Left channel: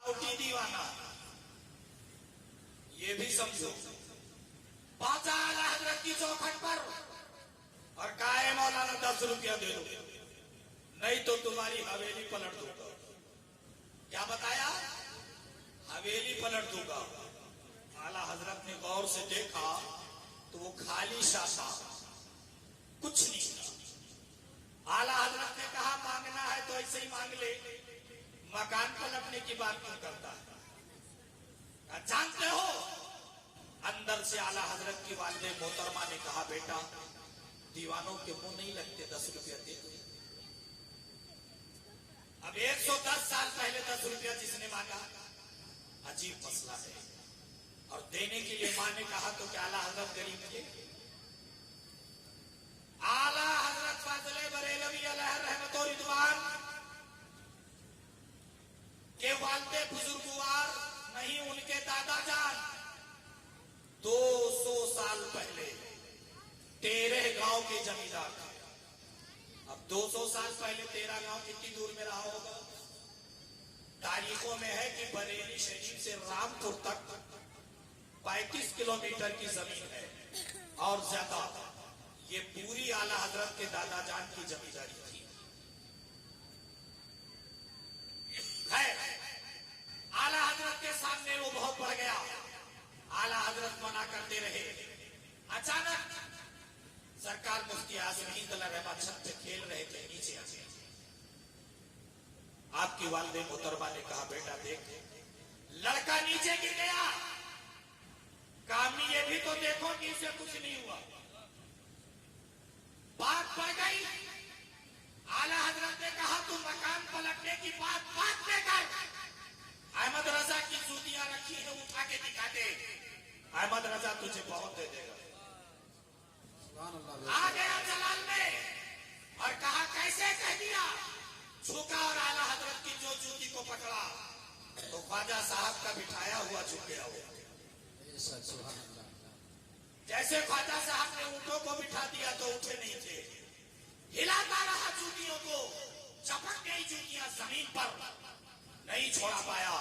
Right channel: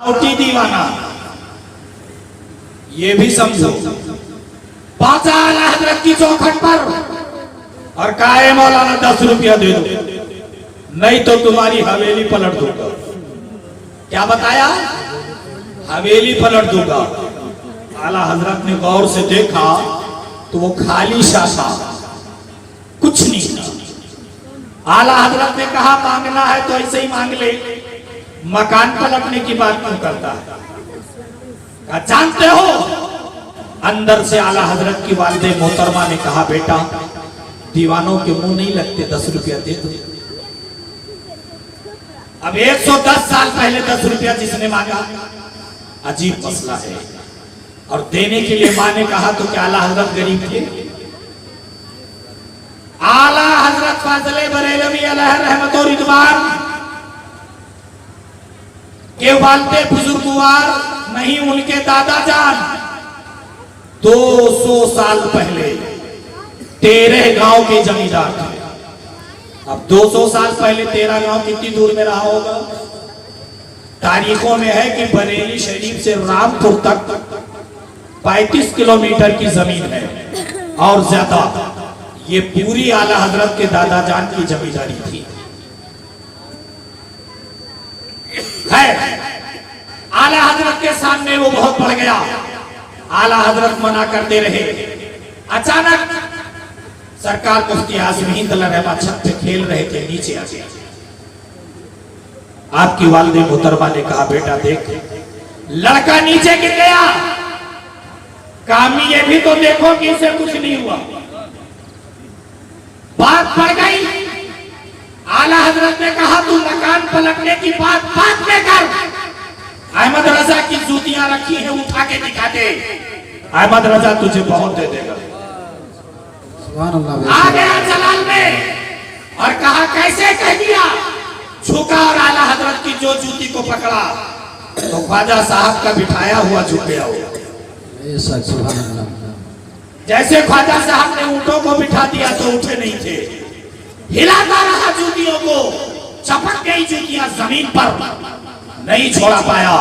बनावटी दीवाना, ये भी समझो। पाचा आला हजरत की चौखट पर और काहे मौलाना 10 रुपया दे दो, नहीं तो तुम्हारी हवेली पलट दूंगा। क्या बताया? हवेली पलट दूंगा। आला हजरत ने गौर से देखा तो वो खाली शासा, कुछ नहीं था। आला हजरत ने कहा मांगना है तो ऐसे ही मांग ले, मकान पलटने की बात क्यों करता है? जानते हो, अंदर से आला हजरत की वालिदे मोहतरमा ने कहा बेटा दीवानों के मुंह नहीं लगते, 10 रुपया दे दो। अब 110 साल पहले 10 रुपया जिसने मांगा, अजीब मसला है। और देने के लिए मां ने कहा तो क्या आला हजरत गरीब थे? आला हजरत फाजले बरेलवी अलैहि रहमत और रिदवान के वालिदे बुजुर्गवार नहीं, उनके दादा जान 200 साल पहले 13 गांव के जमींदार थे। अब 200 साल पहले 13 गांव कितनी दूर में रहा होगा? तारीखों में है कि बरेली शरीफ से रामपुर तक 35 किलोमीटर की जमीन है और ज्यादा। ये पूरी आला हजरत के दादा जान की जमींदारी थी। है आला हजरत के सामने वो बहुत बढ़ गया। आला हजरत मना करते रहे। अचानक सरकार मुफ्ती आज़म हिंद रहमा छत पे खेल रहे थे, नीचे आ गया। आपकी वालिदे मोहतरमा ने कहा बेटा देख, लड़का नीचे गिर गया, कामी ये भी तो देखो कि इसे कुछ नहीं हुआ। बात पड़ गई। आला हजरत ने कहा तू मकान पलटने की बात बात में कर। अहमद रजा की जूतियां रखी हैं, उठा के दिखा दे। अहमद रजा तुझे बहुत दे देगा। आ गया जलाल में और कहा कैसे कह दिया। झुका और आला हजरत की जो जूती को पकड़ा तो ख्वाजा साहब का बिठाया हुआ झुक गया। जैसे ख्वाजा साहब ने ऊंटों को बिठा दिया तो उठे नहीं थे, हिलाता रहा जूतियों को। चपक गई जूतियां जमीन पर, नहीं छोड़ा पाया।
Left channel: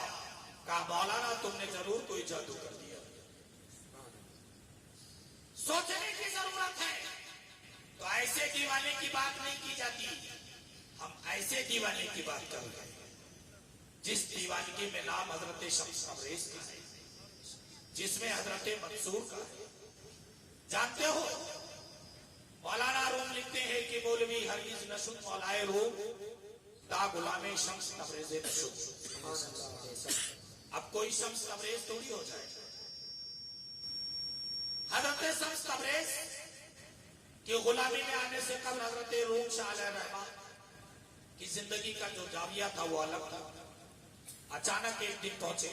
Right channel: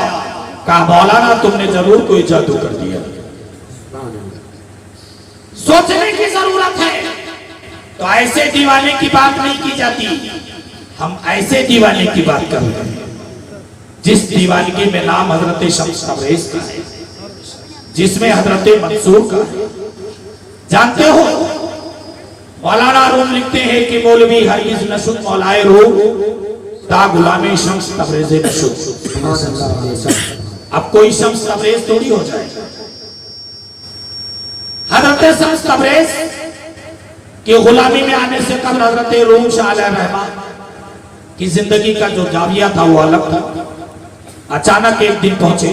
कहा मौलाना तुमने जरूर कोई जादू कर दिया, सोचने की जरूरत है। तो ऐसे दीवाने की बात नहीं की जाती, हम ऐसे दीवाने की बात कर रहे हैं जिस दीवानगी में नाम हजरत शम्स तबरेज का है, जिसमें हजरत मंसूर का है। जानते हो मौलाना रूम लिखते हैं कि मौलवी हरगिज नशुद मौलाए रूम ता गुलामे शम्स तबरेज नशुद। अब कोई शम्स तबरेज थोड़ी हो जाए। हजरत शम्स तबरेज की गुलामी में आने से कबल हजरत रूम शाह रहमान की जिंदगी का जो जाविया था वो अलग था। अचानक एक दिन पहुंचे,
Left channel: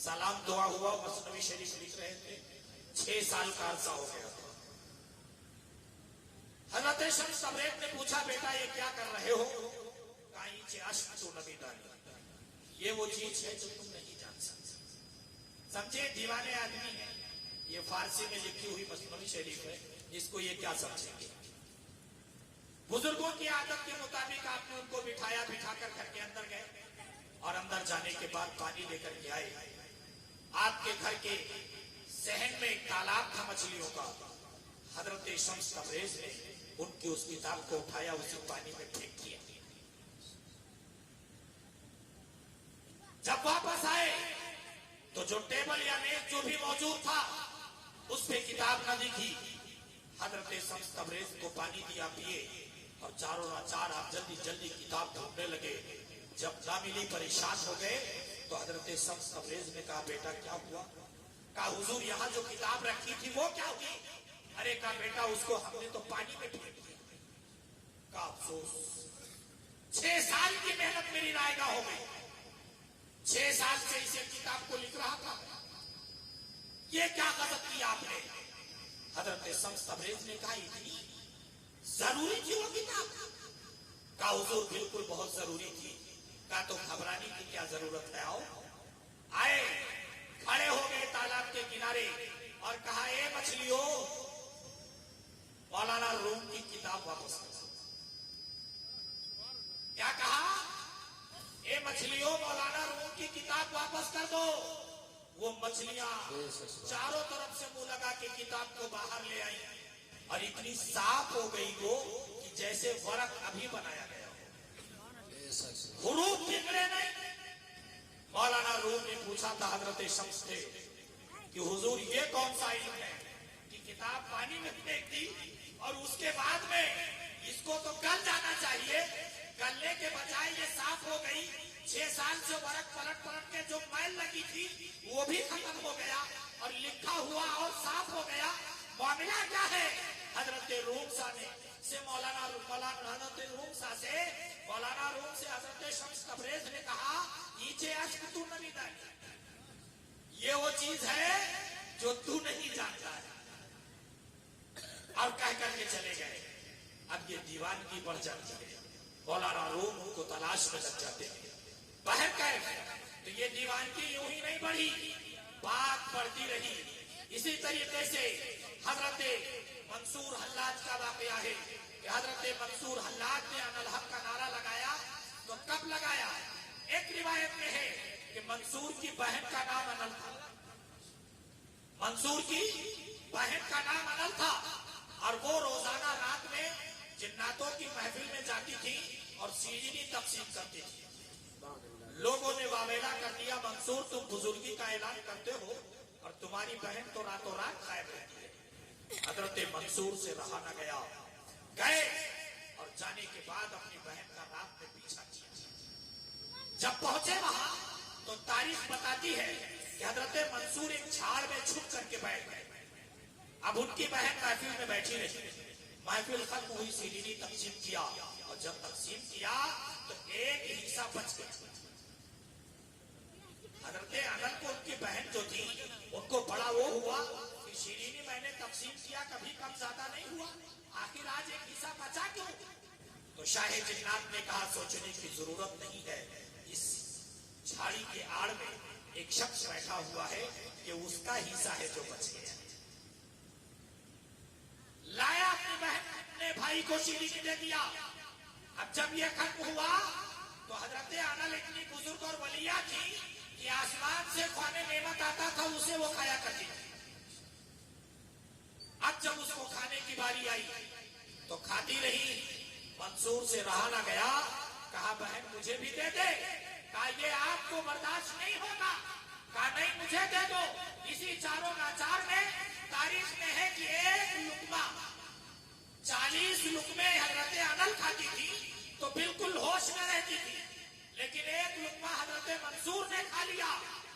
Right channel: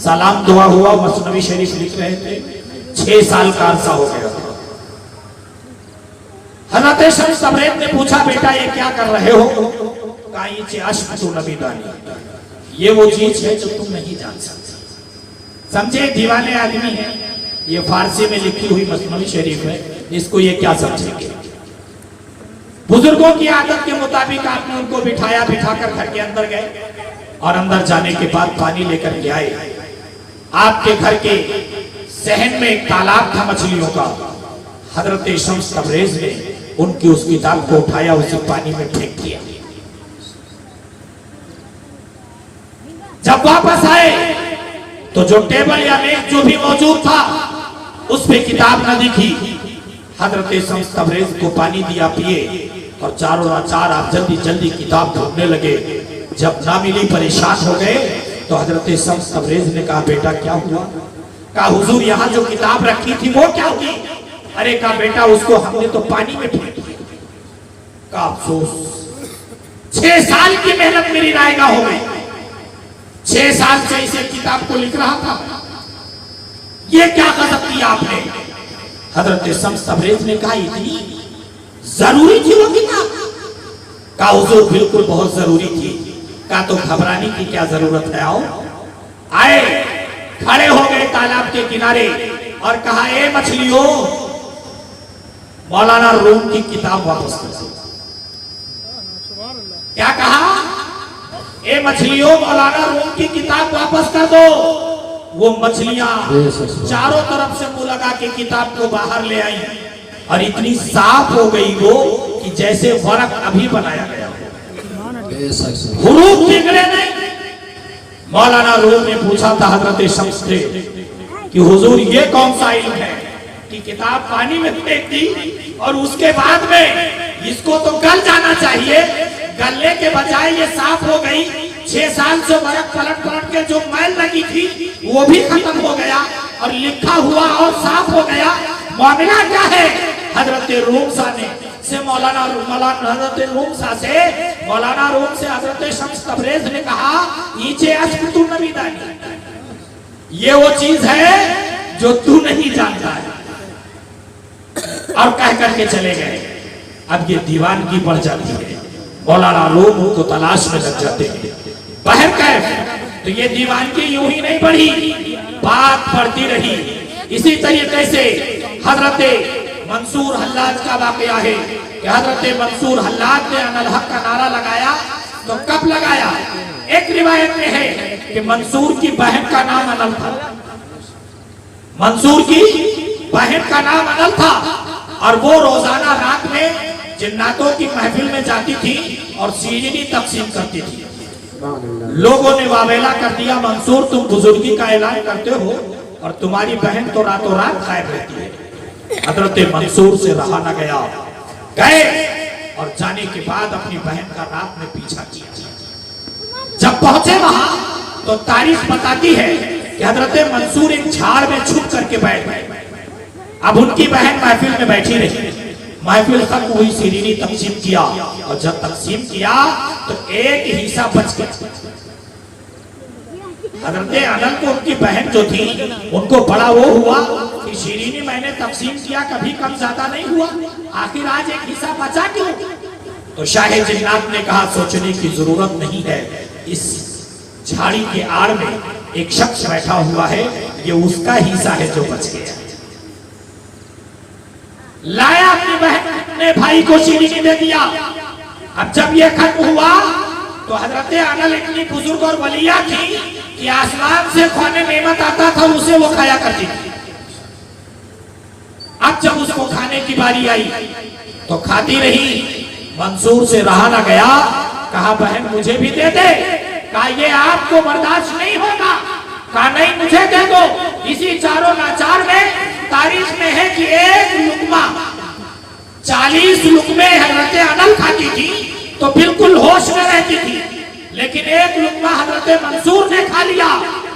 सलाम दुआ हुआ, मसनवी शरीफ लिख रहे थे। 6 साल का अरसा हो गया। हजरत शम्स तबरेज ने पूछा बेटा ये क्या कर रहे हो? कहा ये वो चीज है जो तुम नहीं जान सकते। समझे दीवाने आदमी है, ये फारसी में लिखी हुई मसनवी शरीफ है, इसको ये क्या समझेंगे? बुजुर्गों की आदत के मुताबिक आपने उनको बिठाया, बिठाकर घर के अंदर गए और अंदर जाने के बाद पानी लेकर के आए। आपके घर के सहन में एक तालाब था मछलियों का। हजरत शम्स तबरेज ने उनकी उस किताब को उठाया, उसे पानी में फेंक दिया। जब वापस आए तो जो टेबल या मेज जो भी मौजूद था उस पे किताब न दिखी। हजरत शम्स तबरेज को पानी दिया, पिए और चारों चार आप जल्दी जल्दी किताब ढूंढने लगे। जब ना मिली परेशान हो गए तो हजरत शम्स तबरेज ने कहा बेटा क्या हुआ? कहा हुजूर यहाँ जो किताब रखी थी वो क्या हुई? अरे कहा बेटा उसको हमने तो पानी में फेंक दिया। का अफसोस 6 साल की मेहनत मेरी रायगा हो गई। 6 साल से इसे किताब को लिख रहा था, ये क्या गजब किया आपने? हजरत शम्स तबरेज ने कहा इतनी जरूरी थी वो किताब? का हुजूर बिल्कुल बहुत जरूरी थी। का तो घबराने की क्या जरूरत है, आओ। आए, खड़े हो गए तालाब के किनारे और कहा ए मछलियों, मौलाना रूम की किताब वापस कर दो। क्या कहा? ए मछलियों, मौलाना रूम की किताब वापस कर दो। वो मछलियां चारों तरफ से मुंह लगा के किताब को बाहर ले आई और इतनी साफ हो गई वो कि जैसे वर्क अभी बनाया गया, हुरूफ बिगड़े नहीं। मौलाना रूम ने पूछा था हजरत शम्स से कि हुजूर ये कौन सा इल्म है कि किताब पानी में फेंक दी और उसके बाद में इसको तो गल जाना चाहिए, गलने के बजाय ये साफ हो गई। 6 साल से बरक पलट पलट के जो मैल लगी थी वो भी खत्म हो गया और लिखा हुआ और साफ हो गया, मामला क्या है? हजरत रूमसा ने से मौलाना हजरत रूमसा से मौलाना रूम से हजरत शम्स तबरेज ने कहा, नीचे अस्कुतु नबी दानी, ये वो चीज है जो तू नहीं जानता है। और कह करके चले गए। अब ये दीवानगी बढ़ जाती है, मौलाना रूम को तलाश में लग जाते हैं। बाहर कैफ तो ये दीवानगी यूं ही नहीं बढ़ी, बात बढ़ती रही। इसी तरीके से हजरत मंसूर हल्लाज का वाकया है कि हजरत मंसूर हल्लाज ने अनल हक का नारा लगाया। तो कब लगाया? एक रिवायत में है कि मंसूर की बहन का नाम अनल था, मंसूर की बहन का नाम अनल था और वो रोजाना रात में जिन्नातों की महफिल में जाती थी और सीढ़ी तकसीम करती थी। लोगों ने वावेला कर दिया, मंसूर तुम बुजुर्गी का ऐलान करते हो और तुम्हारी बहन तो रातों रात गायब रहती है। हजरत मंसूर से रहा न गया, गए और जाने के बाद अपनी बहन का रात में पीछा किया। जब पहुंचे वहां तो तारीख बताती है कि हजरत मंसूर एक झाड़ में छुप करके बैठ गए। अब उनकी बहन महफिल में बैठी रही, महफिल तक हुई, सीढ़ी तकसीम किया और जब तकसीम किया तो एक हिस्सा बच गया। हजरत अनल को उनकी बहन जो थी उनको बड़ा वो हुआ कि शीरीनी मैंने तकसीम किया, कभी कम ज्यादा नहीं हुआ, आखिर आज एक हिस्सा बचा क्यों? तो शाह जिन्नात ने कहा, सोचने की जरूरत नहीं है, इस झाड़ी के आड़ में एक शख्स बैठा हुआ है, ये उसका हिस्सा है जो बच गया। लाया, अपनी बहन ने भाई को शीरीनी दे दिया। अब जब ये खत्म हुआ तो हजरत अनल इतनी बुजुर्ग और वलिया थी कि आसमान से खाने नेमत आता था उसे वो खाया करती थी। अब जब उसको खाने की बारी आई तो खाती रही, मंसूर से रहा ना गया, कहा बहन मुझे भी दे दे। कहा ये आपको बर्दाश्त नहीं होगा। कहा नहीं मुझे दे दो। इसी चारों नाचार में तारीख में है कि एक लुकमा 40 लुकमे हजरत अनल खाती थी तो बिल्कुल होश में रहती थी, लेकिन एक लुकमा हजरत मंसूर ने खा लिया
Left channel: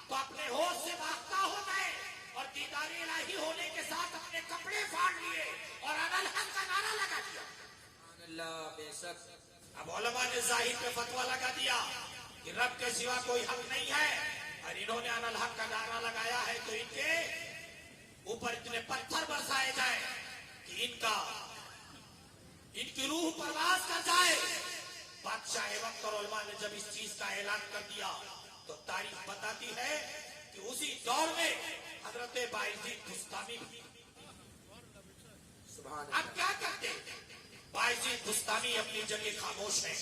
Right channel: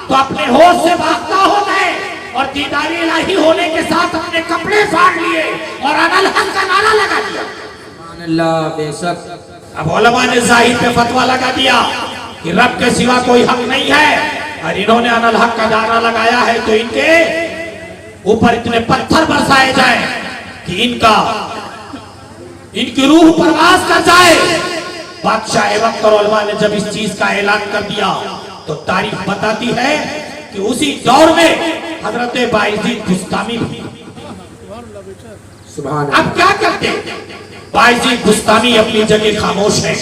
तो अपने होश से भागता हो गए और दीदारी इलाही होने के साथ अपने कपड़े फाड़ लिए और अनल हक का नारा लगा दिया। अल्लाह बेशक। अब उलमा ने जाहिर पे फतवा लगा दिया कि रब के सिवा कोई हक नहीं है और इन्होंने अनल हक का नारा लगाया है तो इनके ऊपर इतने पत्थर बरसाए जाए कि इनकी रूह परवास कर जाए। बादशाह वक्त और उलमा ने जब इस चीज का ऐलान कर दिया तो तारीख बताती है कि उसी दौर में हजरत बायजीद बुस्तामी भी। अब क्या करते? बायजीद बुस्तामी अपनी जगह खामोश है,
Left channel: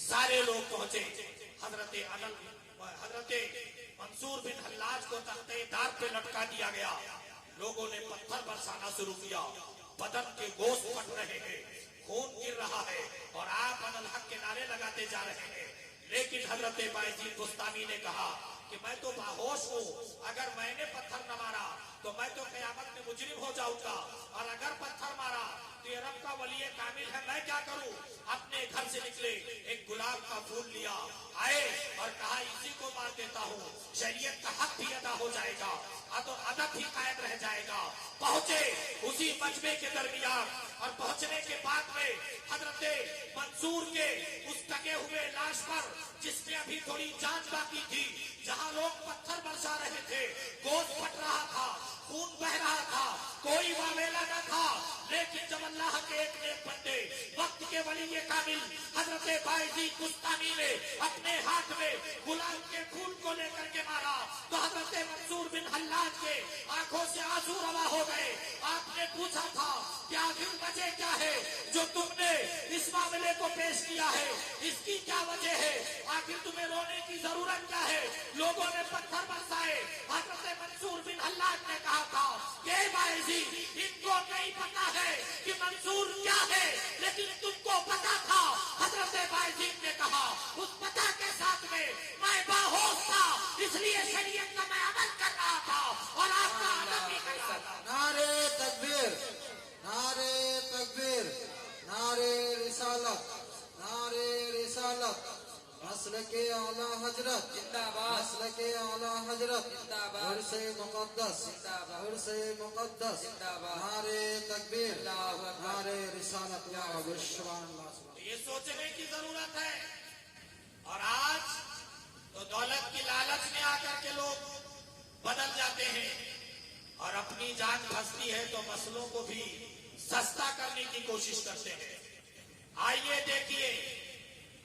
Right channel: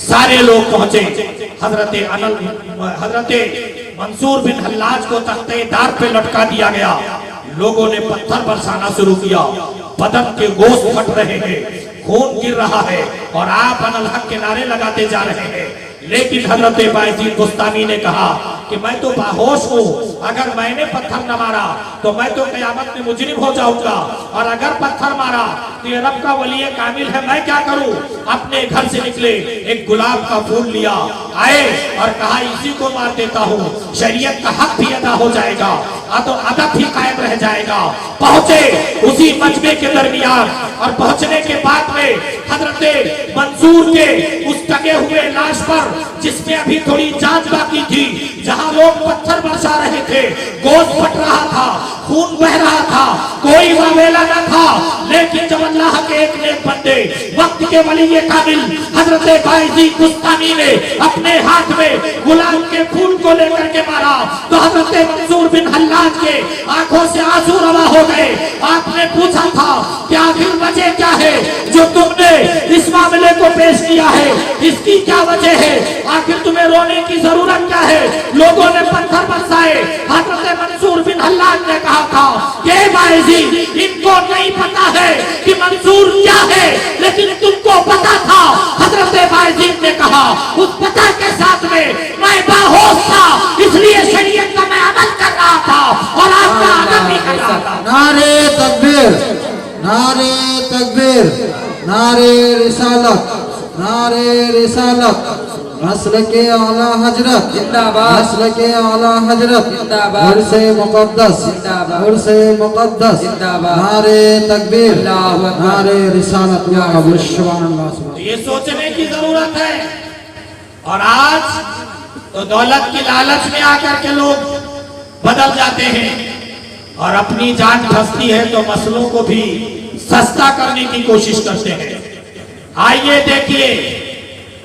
सारे लोग पहुंचे। हजरत मंसूर बिन हल्लाज को तख्ते दार पे लटका दिया गया। लोगों ने पत्थर बरसाना शुरू किया, बदन के गोश्त फट रहे हैं, खून गिर रहा है और आप अनल हक के नारे लगाते जा रहे हैं। लेकिन हजरत बायजीद बुस्तामी ने कहा कि मैं तो बाहोश हूँ, अगर मैंने पत्थर न मारा तो मैं तो कयामत में मुजरिम हो जाऊंगा, और अगर पत्थर मारा तो ये रब का वली कामिल है, मैं क्या करूँ? अपने घर से निकले, एक गुलाब का फूल लिया, आए और कहा इसी को मार देता हूँ, शरीयत का हक भी अदा हो जाएगा, तो अदब भी कायम रह जाएगा। पहुंचे उसी मजमे के दरमियान और पहुंचने के बाद में हजरत मंसूर के उस टके हुए लाश पर, जिसमें अभी थोड़ी जांच बाकी थी, जहां लोग पत्थर बरसा रहे थे, गोश्त फट रहा था, खून बह रहा था, कोई वावेला न था। लेकिन जब अल्लाह के एक नेक बंदे वक्त के वली कामिल हजरत बायजीद बुस्तामी ने अपने हाथ में गुलाब के फूल को लेकर के मारा तो हजरत मंसूर बिन हल्लाज के आंखों से आंसू रवा हो गए। आपने पूछा था कि आखिर वजह क्या है जो तुमने इस मामले को पेश किया है, इसकी क्या वजह है, आखिर तुम्हें रोने की जरूरत क्या है? लोगों ने पत्थर बरसाए। हजरत मंसूर बिन हल्लाज ने कहा था कि बायजीद, इनको नहीं पता है कि मंसूर क्या है, लेकिन तुमको पता था। हजरत बायजीद ने कहा उस पता के साथ में मैं बाहोश था, इसलिए शरीयत का मैं अमल कर रहा था और आपका अदब भी कर रहा था। नारे तकबीर, नारे तकबीर, नारे रिसालत, नारे रिसालत, मसलके आला हजरत जिंदाबाद, मसलके आला हजरत जिंदाबाद, उर्से मुक़द्दस जिंदाबाद, उर्से मुक़द्दस, जिंदाबाद, नारे तकबीर, अल्लाहु अकबर, नारे रिसालत। सुभान तो ये सोचने की जरूरत है। और आज तो दौलत की लालच में आकर के लोग बदल जाते हैं और अपनी जान फंसती है तो मसलों को भी सस्ता करने की कोशिश करते हैं। आइए देखिए,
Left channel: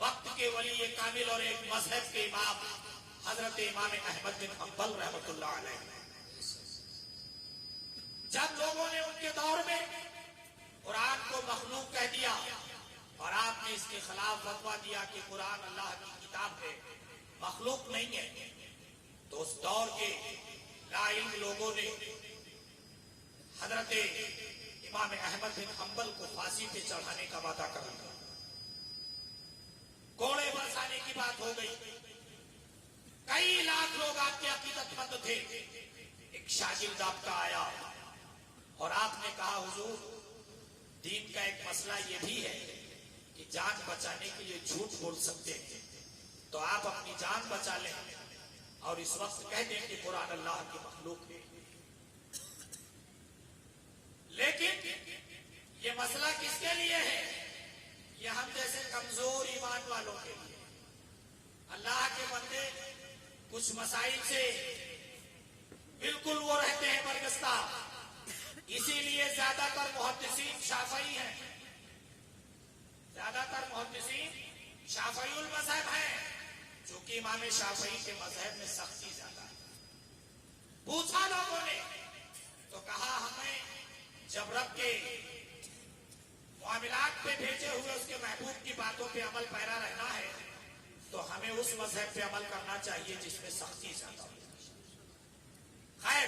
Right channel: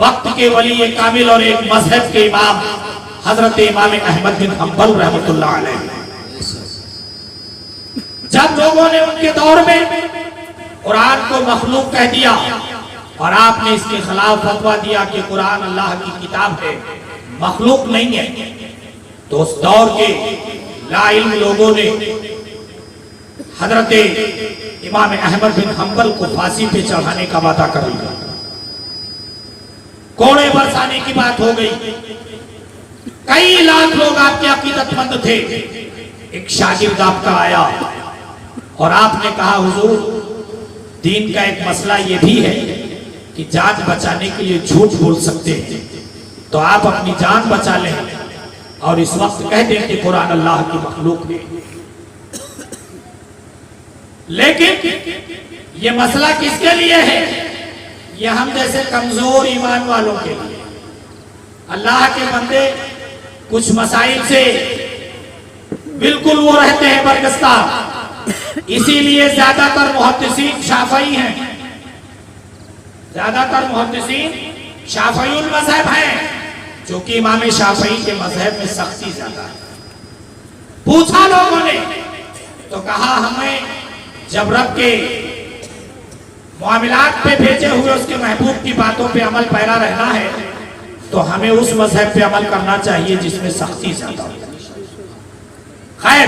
वक्त के वली कामिल और एक मजहब के इमाम हजरत इमाम अहमद बिन हंबल रहमतुल्लाह अलैह, जब लोगों ने उनके दौर में कुरान को मखलूक कह दिया और आपने इसके खिलाफ फतवा दिया कि कुरान अल्लाह की किताब है, मखलूक नहीं है, तो उस दौर के लाइल्म लोगों ने हजरत इमाम अहमद बिन हंबल को फांसी पे चढ़ाने का वादा कर लिया। कोड़े बरसाने की बात हो गई। कई लाख लोग आपके अकीदतमंद थे। एक शागिर्द आपका आया और आपने कहा हुजूर, दीन का एक मसला यह भी है कि जान बचाने के लिए झूठ बोल सकते हैं, तो आप अपनी जान बचा लें और इस वक्त कह दें कि कुरान अल्लाह की मखलूक है। लेकिन यह मसला किसके लिए है? यह हम जैसे कमजोर ईमान वालों के लिए। अल्लाह के बंदे कुछ मसाइल से बिल्कुल वो रहते हैं बरगस्ता, इसीलिए ज्यादातर मुहद्दिसीन शाफई हैं, ज्यादातर मुहद्दिसीन शाफईउल मज़हब हैं, जो कि इमाम शाफई के मजहब में सख्ती ज्यादा है। पूछा लोगों ने तो कहा हमें जब रब के मामलात पे भेजे हुए उसके महबूब की बातों पे अमल पैरा रहना है तो हमें उस मजहब पे अमल करना चाहिए जिसमें सख्ती ज्यादा हो। खैर,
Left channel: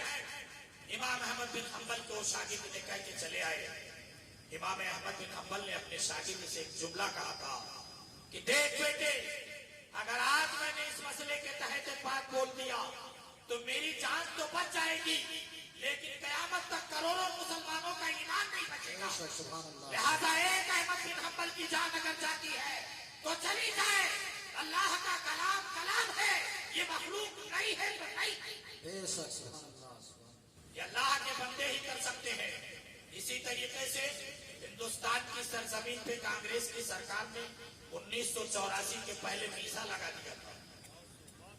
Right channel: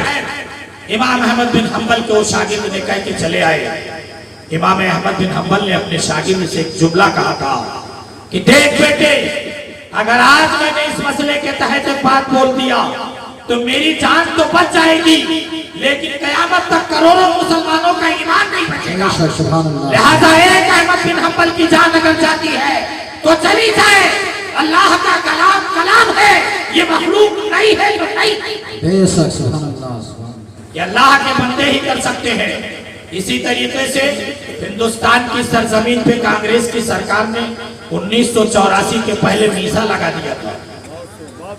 इमाम अहमद बिन हंबल को शागिर्द ने कह के चले आए। इमाम अहमद बिन हंबल ने अपने शागिर्द से एक जुमला कहा था कि देख बेटे, अगर आज मैंने इस मसले के तहत एक बात बोल दिया तो मेरी जान तो बच जाएगी, लेकिन कयामत तक करोड़ों मुसलमानों का ईमान नहीं बचेगा। लिहाजा एक अहमद बिन हंबल की जान अगर जाती है तो चली जाए। अल्लाह का कलाम कलाम है, ये मखलूक नहीं है तो नहीं। ये अल्लाह के बंदे ही कर सकते हैं। इसी तरीके से हिंदुस्तान की सरजमीन पे कांग्रेस की सरकार ने 1984 के पहले वीजा लगा दिया था।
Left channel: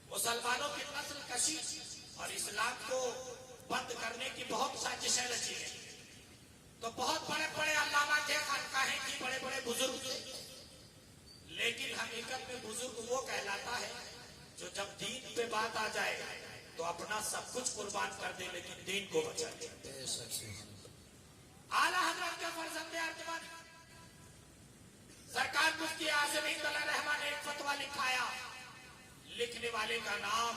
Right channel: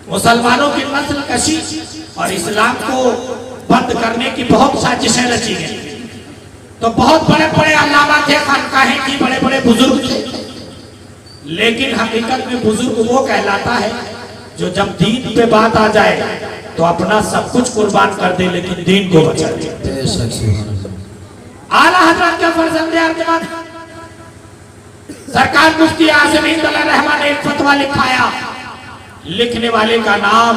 मुसलमानों की नस्ल कशी और इस्लाम को बंद करने की बहुत साजिशें रची गई। तो बहुत बड़े बड़े अल्लामा थे, खानकाहें की, बड़े बड़े बुजुर्ग थे, लेकिन हकीकत में बुजुर्ग वो कहलाता है जो जब दीन पे बात आ जाए तो अपना सब कुछ कुर्बान कर दे लेकिन दीन को बचा दे। आला हजरत के फर्जंदे अर्जमान सरकार मुफ्ती आज़म हिंद रहमान ने एक फतवा लिखाया। लिखने वाले का नाम